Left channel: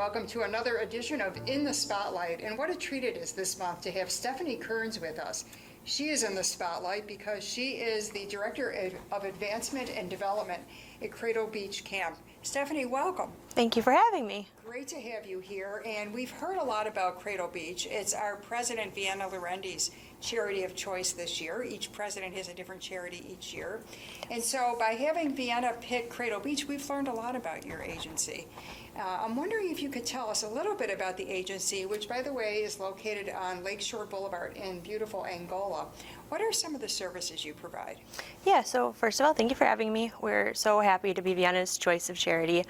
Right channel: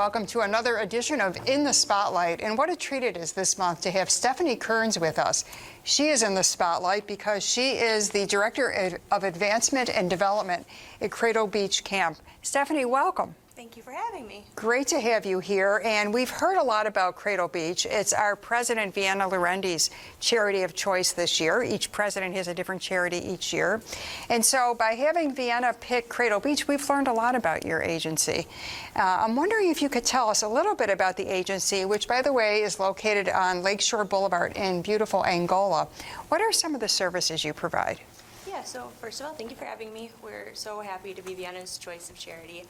welcome to another edition of In the Spotlight. And what a treat it is this month to have Stephanie Kearns with us. She is in the spotlight because she is the Director of Advancement and Development at Cradle Beach Camp. Stephanie, welcome. Thank you for having me. Great to have you here. And we've heard a lot about Cradle Beach. It's our President Vienna Lorendi's charity of choice this year. Each president has a different charity each year. And so by having Vienna pick Cradle Beach, we've learned a lot about your agency. I'm wondering if you could tell us a little bit about the agency, which, by the way, is located on Lakeshore Boulevard in beautiful Angola. What are some of the services you provide? Yeah, so first of all, thank you for having me. We're so happy to be Vienna's choice of charity.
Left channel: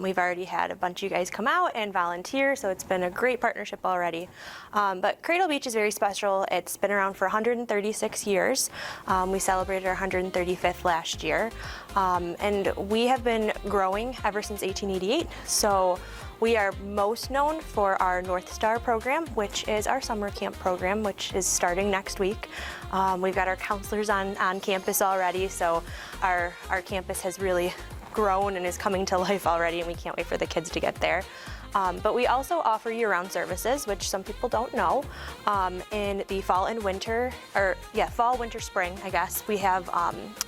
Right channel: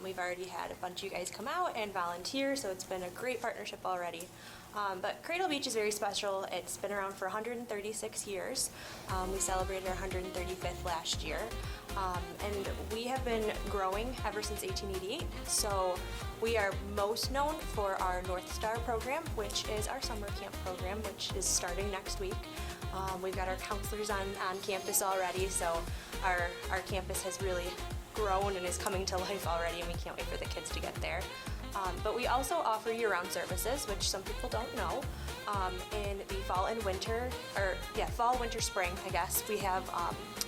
We've already had a bunch of you guys come out and volunteer, so it's been a great partnership already. But Cradle Beach is very special. It's been around for 136 years. We celebrated our 135th last year. And we have been growing ever since 1888. So we are most known for our North Star program, which is our summer camp program, which is starting next week. We've got our counselors on campus already, so our campus has really grown and is coming to life already, and we can't wait for the kids to get there. But we also offer year-round services, which some people don't know. In the fall and winter, fall, winter, spring, I guess, we have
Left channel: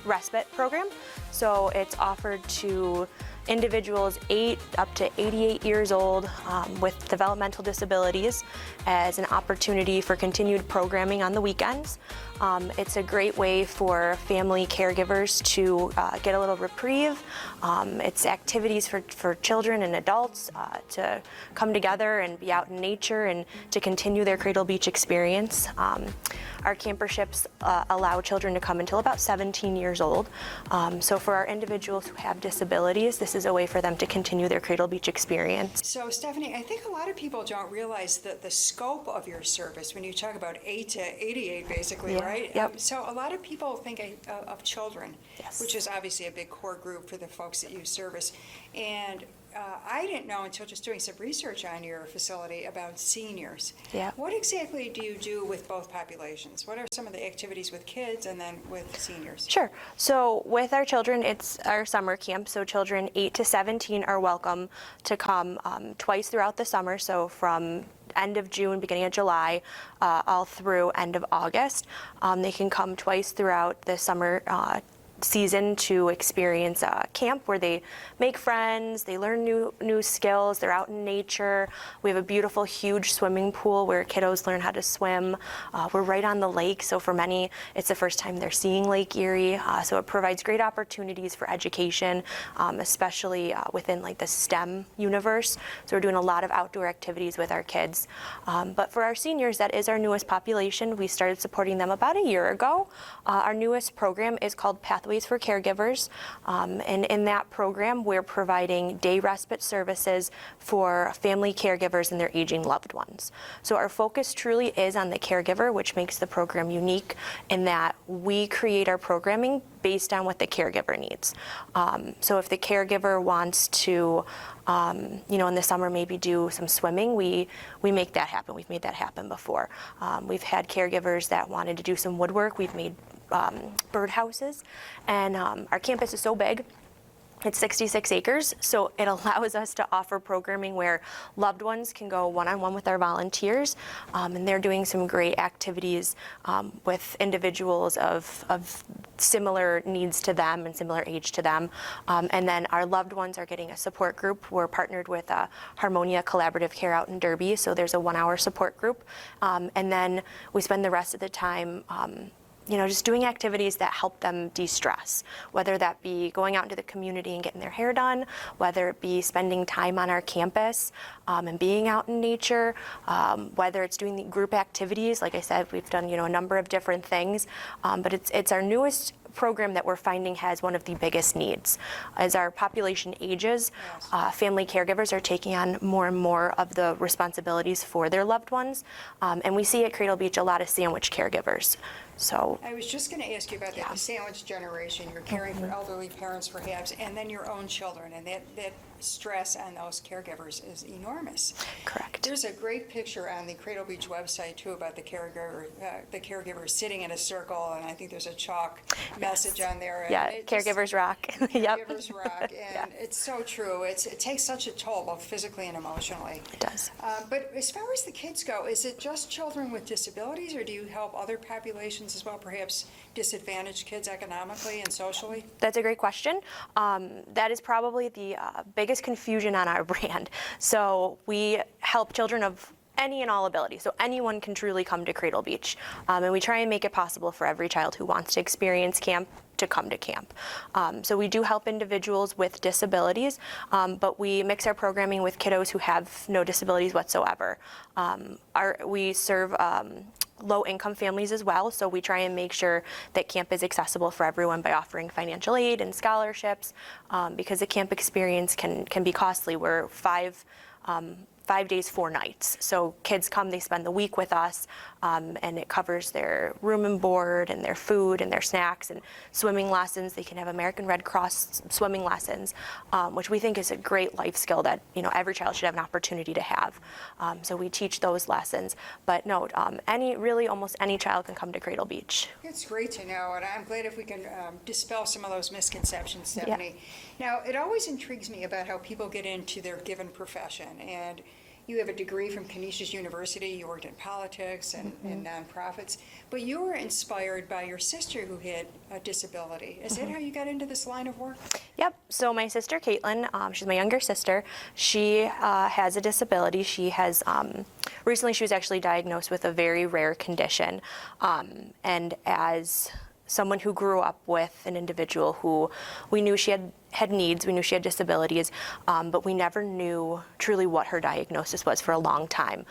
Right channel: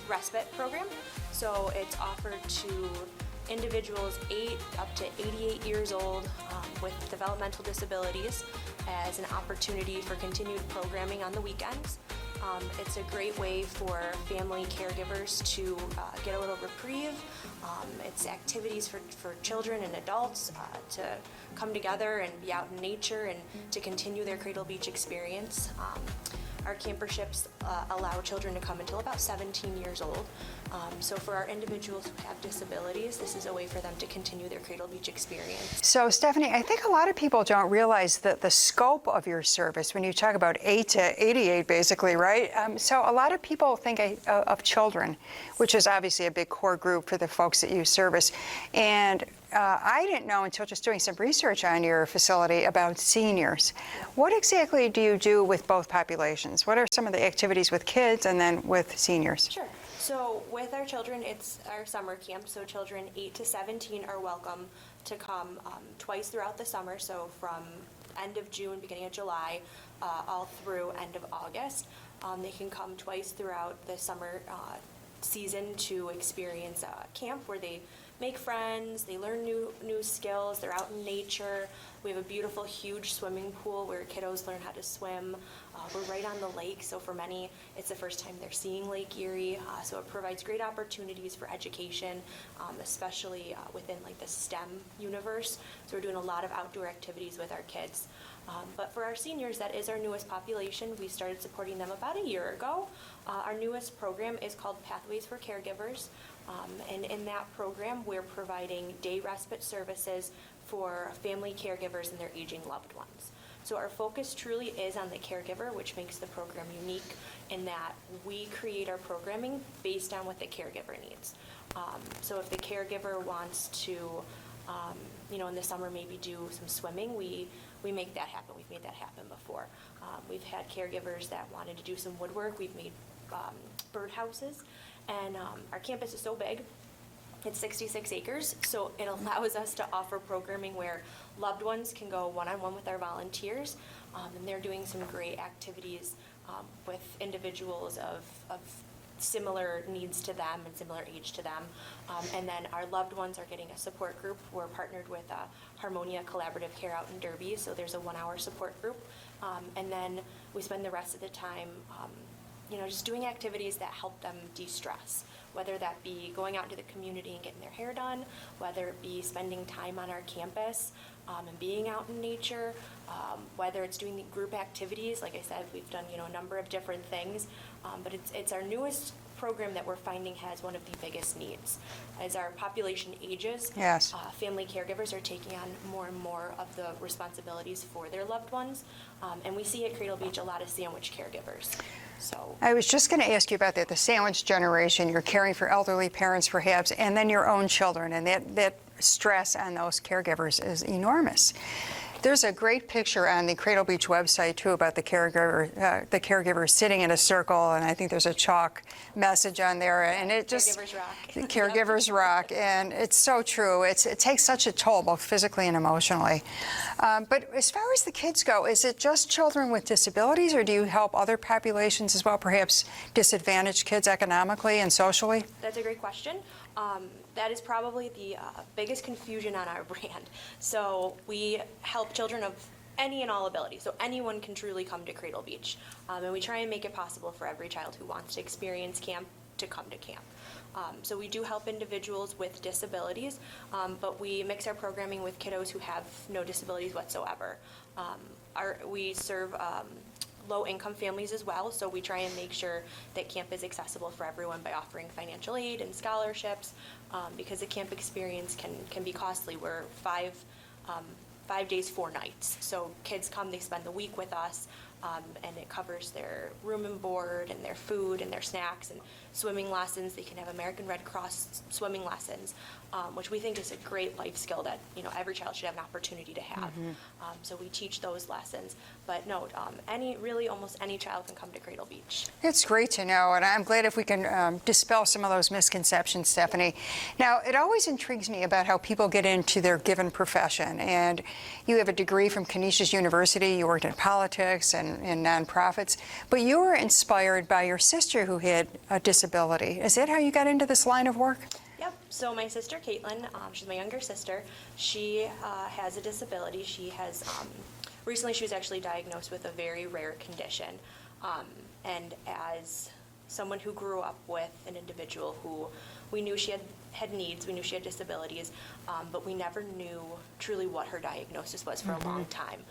respite program. So it's offered to individuals 8 up to 88 years old with developmental disabilities as an opportunity for continued programming on the weekends. It's a great way for family caregivers to get a little reprieve. It's activities for children and adults to come together and be out in nature and to continue their Cradle Beach experience. Our camperships allow children to come until about 17 years old. So for our individuals who have disabilities, this is a way for them to continue their Cradle Beach experience. So Stephanie, I think a lot of people don't realize that the scope of your service when you talk about 8 to 88 basically, right? Yep. So a lot of people think of children, yes, which is obviously a big core group for the folks that you service. And I didn't know until just doing some research on your facility about seniors. Yeah. What exactly do you do with both populations? What are some of the activities with kids and then with seniors? Sure. So with our children, it's our summer camp. So children 8 to 17 are welcome to come twice throughout the summer. So from end of June, beginning of July, all through end of August. They can come twice throughout the summer season to experience camp where they make friends, they learn new skills, they're out in nature. We have a beautiful, huge swimming pool where kiddos learn how to swim. We're right on the lake, so for many, it's the first time they're seeing Lake Erie. So it provides great opportunities for education, especially within like the STEM universe. So we're doing a lot of outdoor activities with our kids. But for our seniors, that is our newest population. We started supporting them about a year ago. Our newest program is called Pathways for Caregivers, and in that program we're providing day respite services for family caregivers and their aging loved ones. So our focus truly is on the caregiver, which makes the program unique in that we create our programming based on what the caregiver needs. So if the caregiver wants to in the summer maybe do some swimming, we make that happen. We've made that happen before. We've had caregivers that wanted to do some woodwork. We've made birdhouses, and our campus is so big. It's 66 acres, so it allows us to offer programming where loved ones can go one-on-one with our volunteers, and they're doing some great activities with individuals of similar needs to them and similar age to them. And then our loved ones are getting a support group. We're partnered with Harmonia Collaborative Care out in Derby, so there's a 1-hour support group. And then we spend the rest of the time just doing activities that help them de-stress, whether that be going out into the community and getting their hair done, whether it be spending time on our campus and being out in nature, whether it's doing the group activities. Like I said, we've done a number of different things, but it's our newest program that we're finding has one of the biggest needs. As our population ages, yes, family caregivers are taking on more and more of the responsibilities for their loved ones, and we see at Cradle Beach a lot of sandwich caregivers. So I was just going to ask you about that, the sandwich generation. You're caring for elderly parents perhaps, and then your own children, and that stress on those caregivers is enormous. Correct. There's a great picture on the Cradle Beach website too about the caregiver sitting in a circle, and I think there's a chalk message on there. Yeah, and caregivers rock. Caregivers rock, and it's so true. It takes such a toll, both physically and emotionally. It does. But as far as the kids go, is it just children with disabilities, or do you help other populations as well, perhaps disadvantaged kids economically and socially? That's a great question. That is probably the biggest confusion on our brand. So we help children of any and all abilities. So anyone can truly come to Cradle Beach. And we try and make it possible for every child who wants to experience camp to come to camp. So we do help individuals with disabilities, but we mix our programming with kiddos who have no disabilities whatsoever. We serve low-income families as well, so we try and make sure that camp is accessible for everyone by offering financial aid and scholarships, because the camp experience can be costly. We're 5 days, 4 nights. So kids come, they spend the week with us, and it covers their room and board and their food and their snacks and swimming lessons. They can have American Red Cross swimming lessons, which we think is a great life skill that every child should have an opportunity to have. So we teach those lessons. But no, almost any child can come to Cradle Beach. It's great to know, and I'm glad if we can dispel some of those misconceptions, Stephanie. Yeah. Now, it always intrigues me about how people get into their given profession, and you have a degree from Canisius University, you worked in politics and in nonprofits, but you were inspired by your sister who had a disability. Is that how you got into this line of work? Yep. So my sister, Caitlin, she's my younger sister. She has a disability. She has, recently she was actually diagnosed with a very rare condition. And as someone who grew up with an individual who we knew she had needs, we knew she had disabilities, but we never knew truly what her diagnosis was for a long time.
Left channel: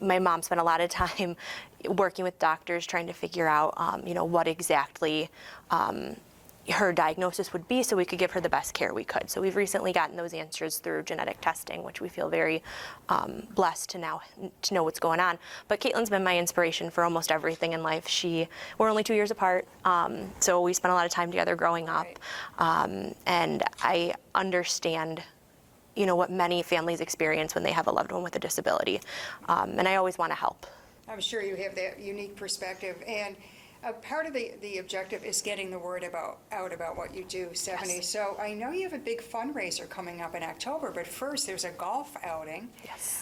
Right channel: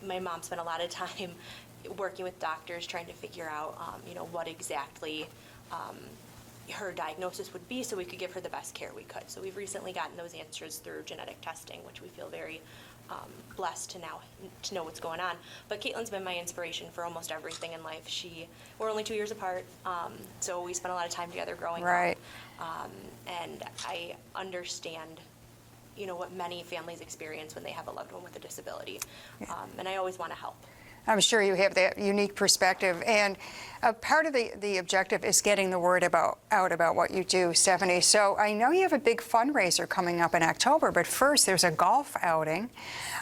My mom spent a lot of time working with doctors trying to figure out, what exactly her diagnosis would be so we could give her the best care we could. So we've recently gotten those answers through genetic testing, which we feel very blessed to know what's going on. But Caitlin's been my inspiration for almost everything in life. We're only 2 years apart, so we spent a lot of time together growing up. And I understand what many families experience when they have a loved one with a disability. And I always want to help. I'm sure you have that unique perspective. And part of the objective is getting the word out about what you do, Stephanie. Yes. So I know you have a big fundraiser coming up in October, but first there's a golf outing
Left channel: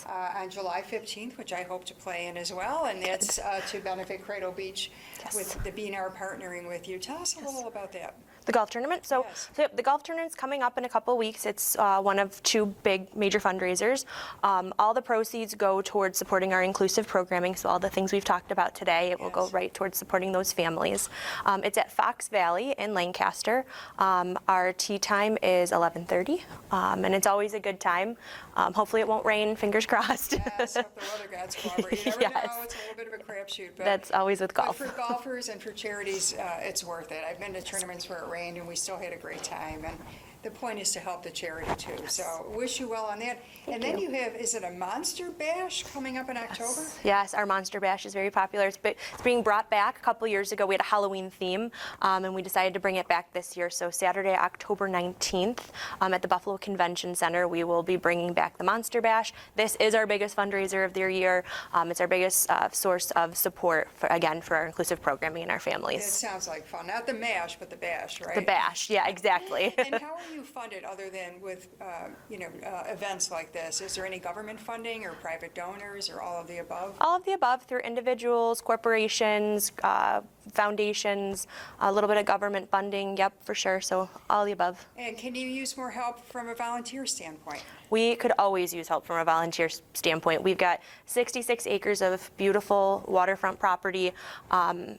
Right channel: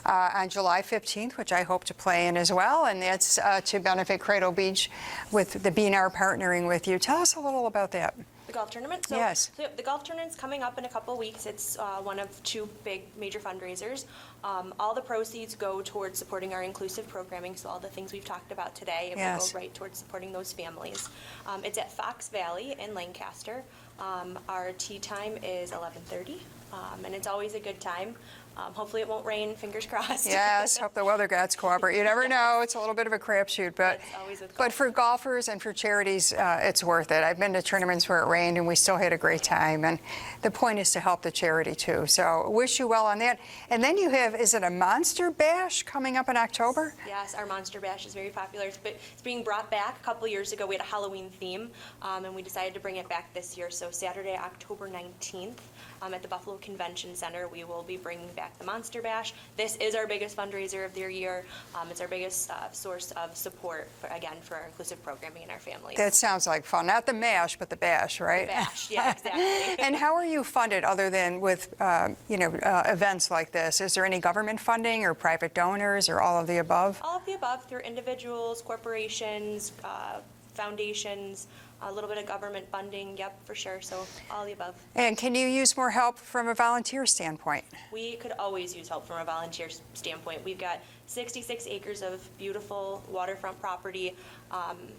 on July 15th, which I hope to play in as well, and that's to benefit Cradle Beach with the BNR partnering with you. Tell us a little about that. The golf tournament? So, yes. So the golf tournament's coming up in a couple of weeks. It's one of 2 big major fundraisers. All the proceeds go towards supporting our inclusive programming, so all the things we've talked about today, it will go right towards supporting those families. It's at Fox Valley in Lancaster. Our tee time is 11:30, and it's always a good time. Hopefully it won't rain, fingers crossed. Yes, hope the weather gods cooperate. You never know, it's a little bit of a crapshoot. But that's always with golf. But for golfers and for charities, it's worth it. I've been to tournaments where it rained and we still had a great time. And the point is to help the charity too. So wish you well on that. And then you have, is it a Monster Bash coming up in October? Yes, our Monster Bash is very popular. It's being brought back. A couple years ago we had a Halloween theme, and we decided to bring it back this year. So Saturday, October 19th, at the Buffalo Convention Center, we will be bringing back the Monster Bash. This is our biggest fundraiser of the year. It's our biggest source of support, for our inclusive programming and our families. That sounds like fun. Not the mash, but the bash, right? The bash, yeah, exactly. And how are you funded other than with, events like this? Is there any government funding or private donors or all of the above? All of the above through individuals, corporations, foundations, a little bit of government funding, yep, for sure, so all of the above. And can you use more help from a volunteer standpoint? We could always use help from a volunteer standpoint. We've got 66 acres of beautiful waterfront property.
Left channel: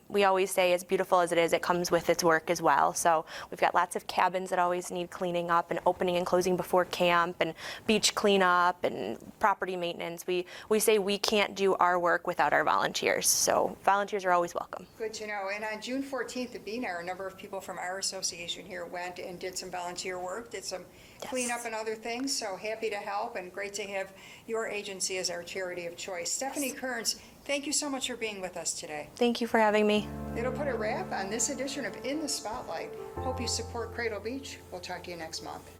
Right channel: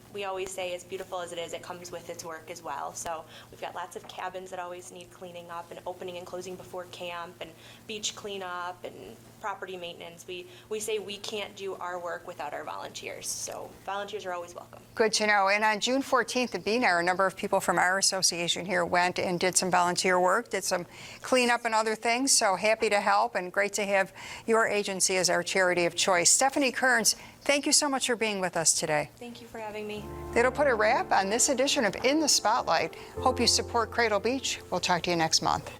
We always say as beautiful as it is, it comes with its work as well. So we've got lots of cabins that always need cleaning up and opening and closing before camp and beach cleanup and property maintenance. We say we can't do our work without our volunteers. So volunteers are always welcome. Good to know. And on June 14th at BNR, a number of people from our association here went and did some volunteer work, did some cleanup and other things. So happy to help and great to have your agency as our charity of choice. Stephanie Kearns, thank you so much for being with us today. Thank you for having me. That'll put a wrap on this edition of In the Spotlight. Hope you support Cradle Beach. We'll talk to you next month.